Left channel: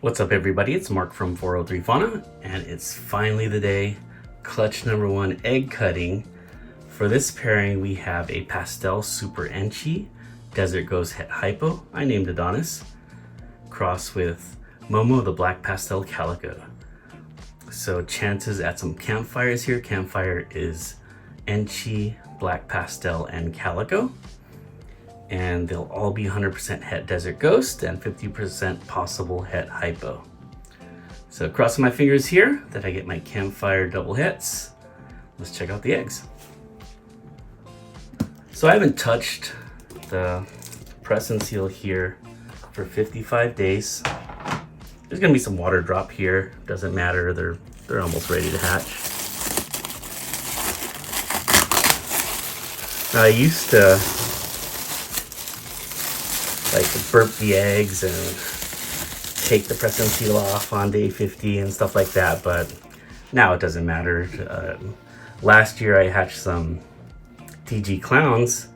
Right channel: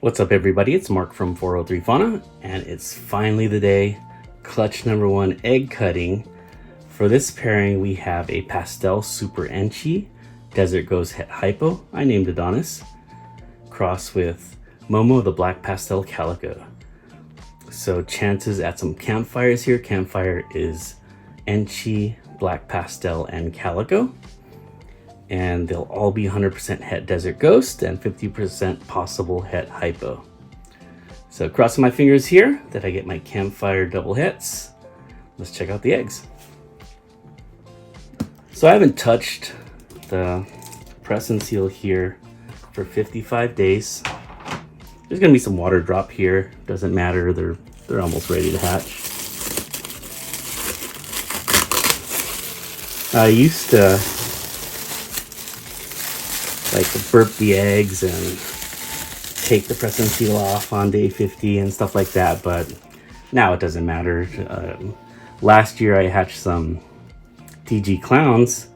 What's up, everybody? It's Mark from 403 Fauna, and it's finally the day. Clutch number one, egg cutting. For this pairing, we have a pastel super enchi desert ghost het hypo. I named Adonis. Cross with Momo the black pastel calico. So chances at some campfires here. Campfire is enchi, black pastel, and calico. And they'll all be 100% het desert ghost and 50% possible het hypo. So crossing my fingers here that I get my campfire double hets. Let's check out the eggs. So I haven't touched the press and seal here for 55 days. There's gonna be some water drop here. Doesn't matter, they're almost ready to hatch. I used to like to burp the eggs and take the press and seal off on day 50 and stuff like that, but now it doesn't matter. Last year I hatched some TG clowns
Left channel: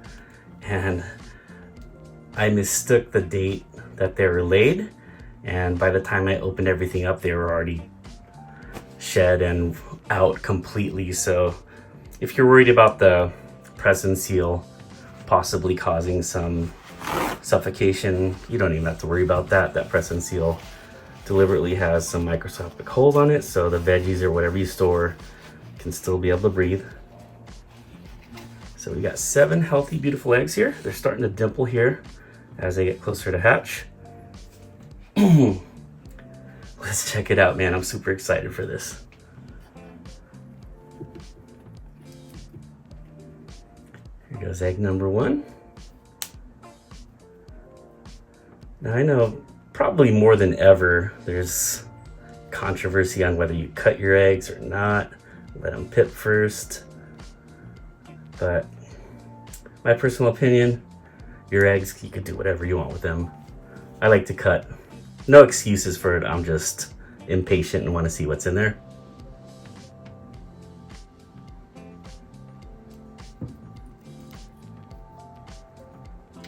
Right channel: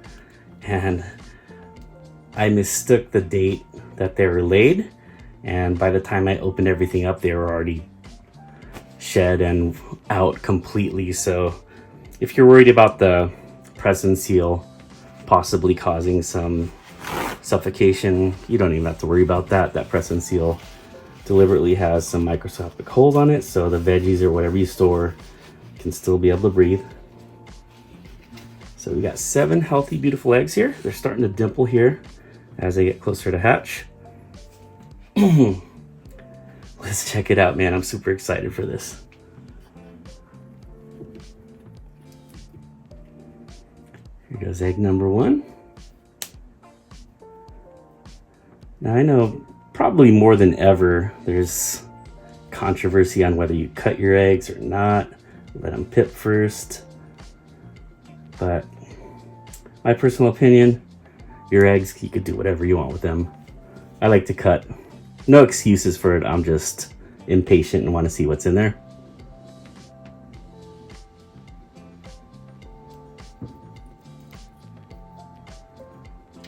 and I mistook the date that they were laid, and by the time I opened everything up they were already shed and out completely. So if you're worried about the press and seal possibly causing some suffocation, you don't even have to worry about that. That press and seal deliberately has some microscopic holes on it, so the veggies or whatever you store can still be able to breathe. So we got 7 healthy, beautiful eggs here. They're starting to dimple here as they get closer to hatch. Let's check it out, man. I'm super excited for this. Here goes egg number 1. Now I know probably more than ever there's controversy on whether you cut your eggs or not, let them pip first. But my personal opinion, your eggs, you could do whatever you want with them. I like to cut. No excuses for it, I'm just impatient and want to see what's in there.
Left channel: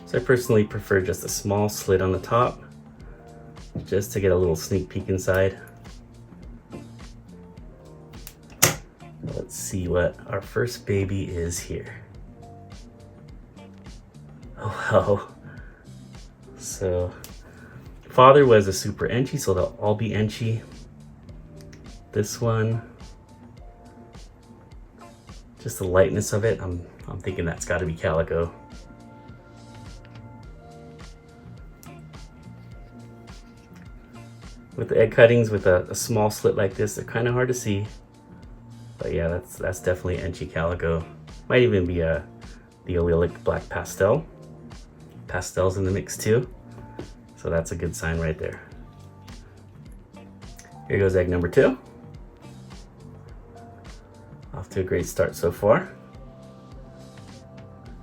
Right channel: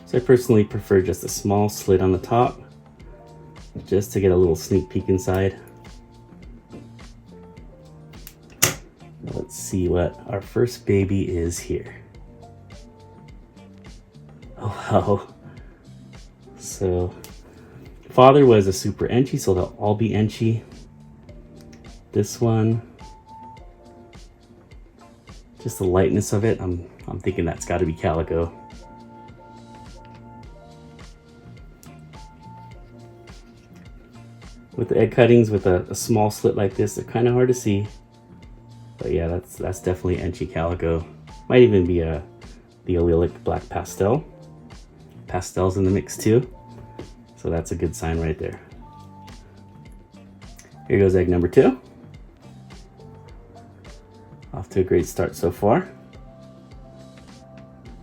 So I personally prefer just a small slit on the top, just to get a little sneak peek inside. Let's see what our first baby is here. Oh wow. So father was a super enchi, so they'll all be enchi. This one, just the lightness of it, I'm thinking that's got to be calico. With the egg cuttings with a small slit like this, they're kind of hard to see. But yeah, that's definitely enchi calico. Might even be the allelic black pastel. Pastel's in the mix too. So that's a good sign right there. Here goes egg number 2. Off to a great start so far.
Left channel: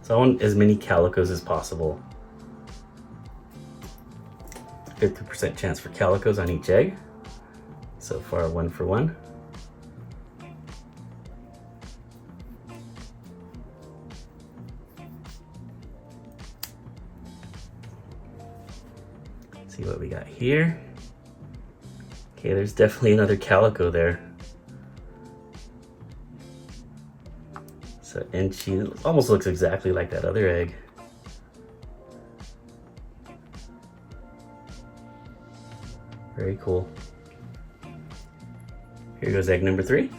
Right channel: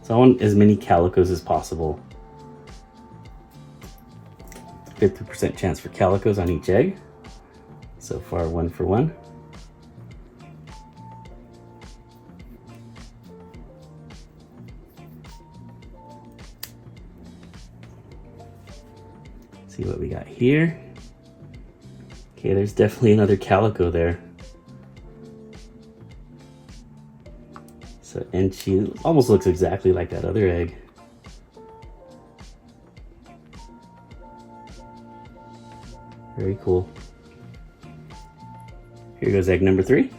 So I want as many calicos as possible. 50% chance for calicos on each egg. So far, 1 for 1. See what we got here. Okay, there's definitely another calico there. So enchi almost looks exactly like that other egg. Very cool. Here goes egg number 3.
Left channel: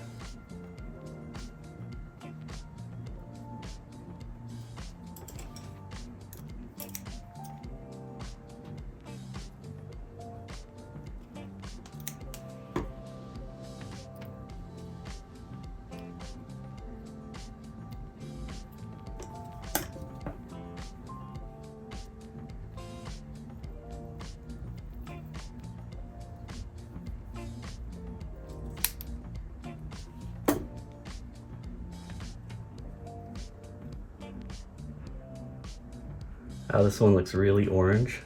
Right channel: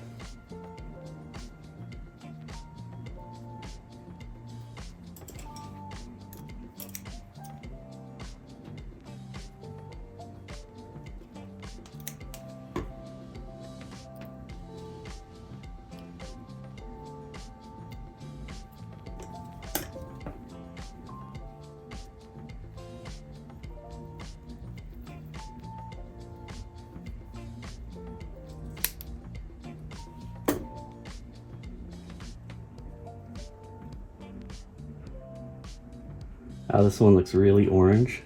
Oh, this one looks really orange.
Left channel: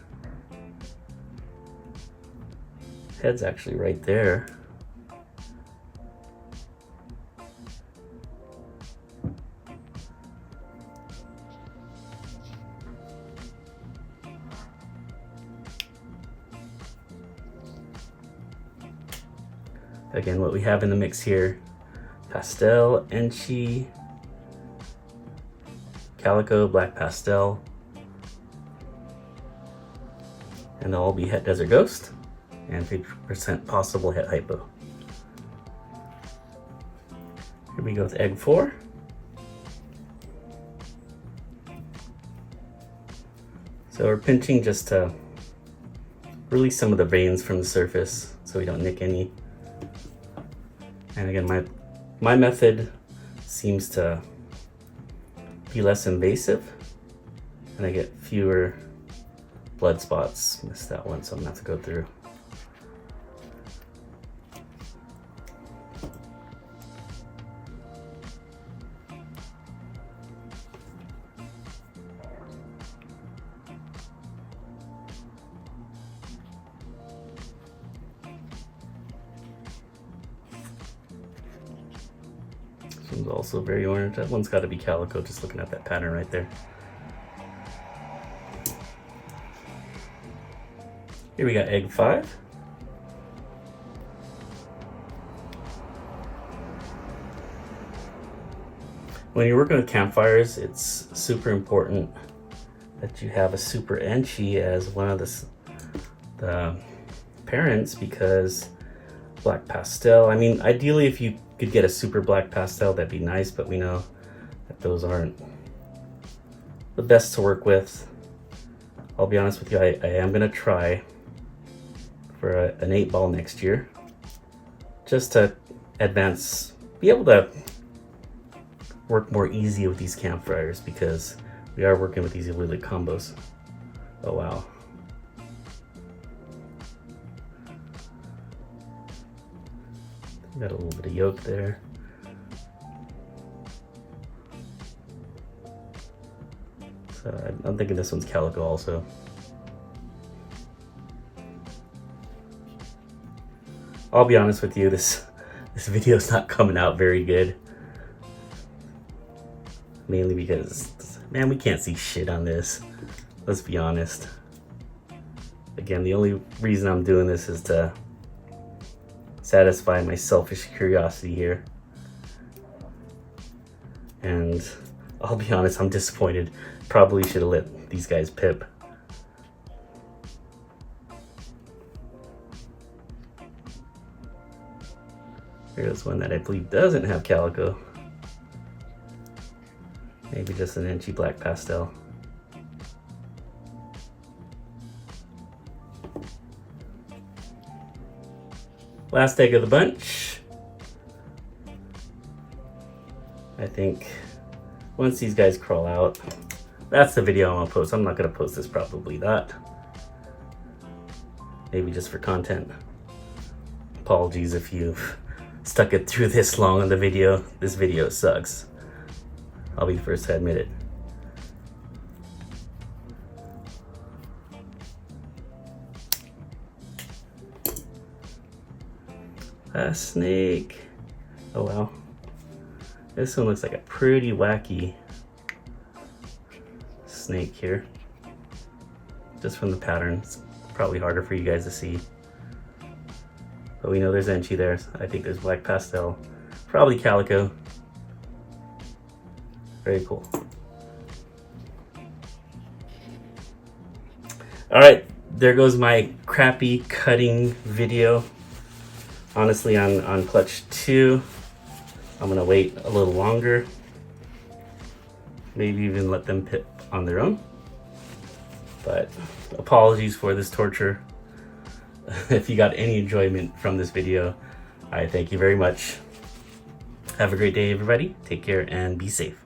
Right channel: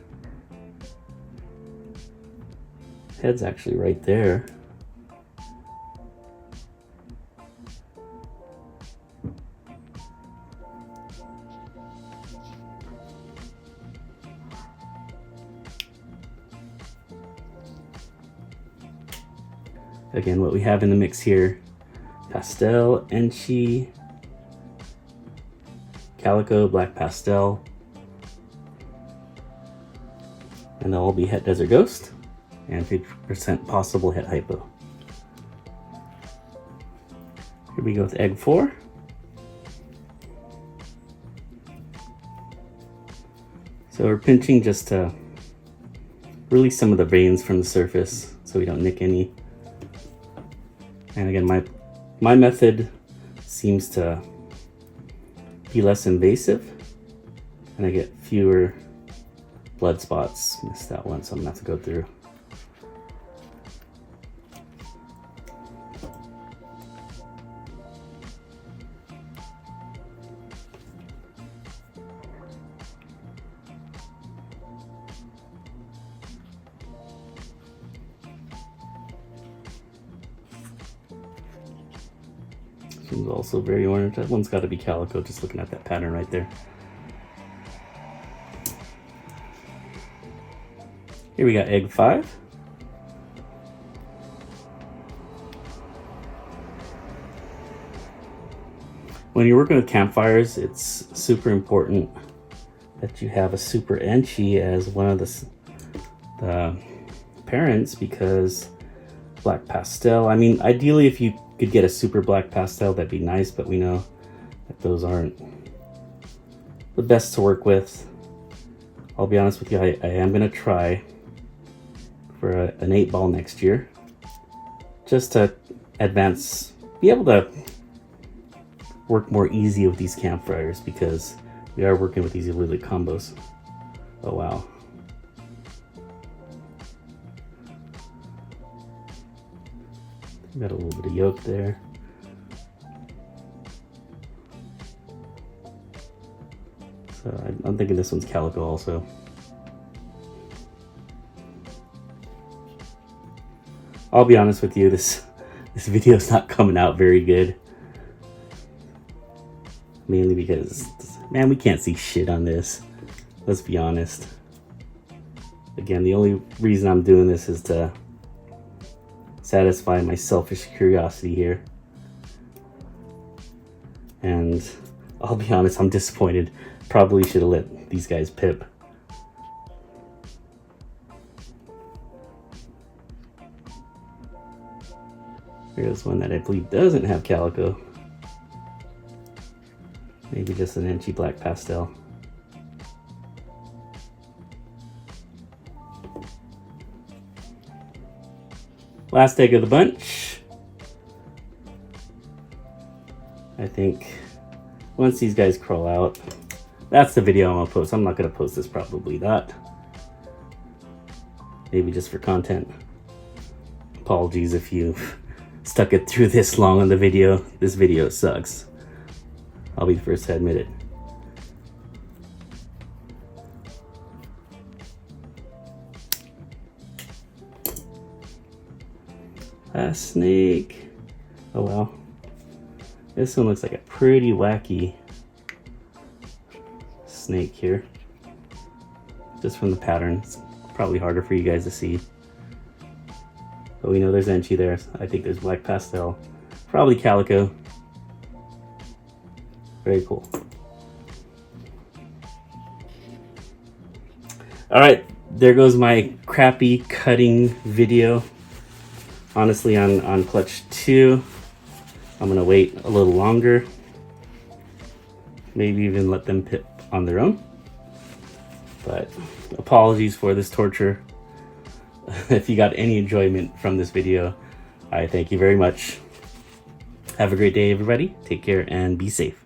Head's actually right there. Again, what we have in the mix here: pastel, enchi, calico, black pastel, and they'll all be Het Desert Ghost and 50% possible Het Hypo. Here we go with egg 4. So we're pinching just to release some of the veins from the surface so we don't nick any. And again, my method seems to be less invasive and I get fewer blood spots. Missed that one, so I'm gonna have to go through. This one's also very orange. That one's got to be calico, just looking at that pattern right there. Here we got egg 5. When you're working with campfires, it's super important that you have a super enchi as one of the parents, because black pastel, I mean, ideally if you could get a super black pastel, that'd be nice, but we know that those aren't the best to work with. I'll be honest with you, I am gonna try for an 8-ball next year, just to be able to work more easy with these campfires, because we are working with these Lilic combos. Oh wow. Got a little bit of yolk there. So I'm thinking this one's calico also. I'll be honest with you, this video's not coming out very good. Mainly because, man, we can't see shit on this. Let's be honest. Again, the only reason I'm doing this is to satisfy my selfish curiosity here. And I'll be honest, I'm disappointed. Probably should have let these guys pip. Here's one that I believe doesn't have calico. Maybe just an enchi black pastel. Last egg of the bunch. I think once these guys crawl out, that's the video I'm gonna post. I'm not gonna post this probably not. Maybe just for content. Apologies if you've stuck it through this long on the video. This video sucks. I'll be the first to admit it. A snake. Oh wow. This one looks like a pretty wacky snake here. Just from the pattern. It's probably harder for you guys to see. But we know there's enchi there. I think there's black pastel. Probably calico. Very cool. All right, there goes my crappy cutting video. Honestly, on clutch 2, I'm gonna wait a little longer. Maybe even let them pip on their own. But apologies for this torture. If you got any enjoyment from this video, I thank you very much. Have a great day, everybody. Take care and be safe.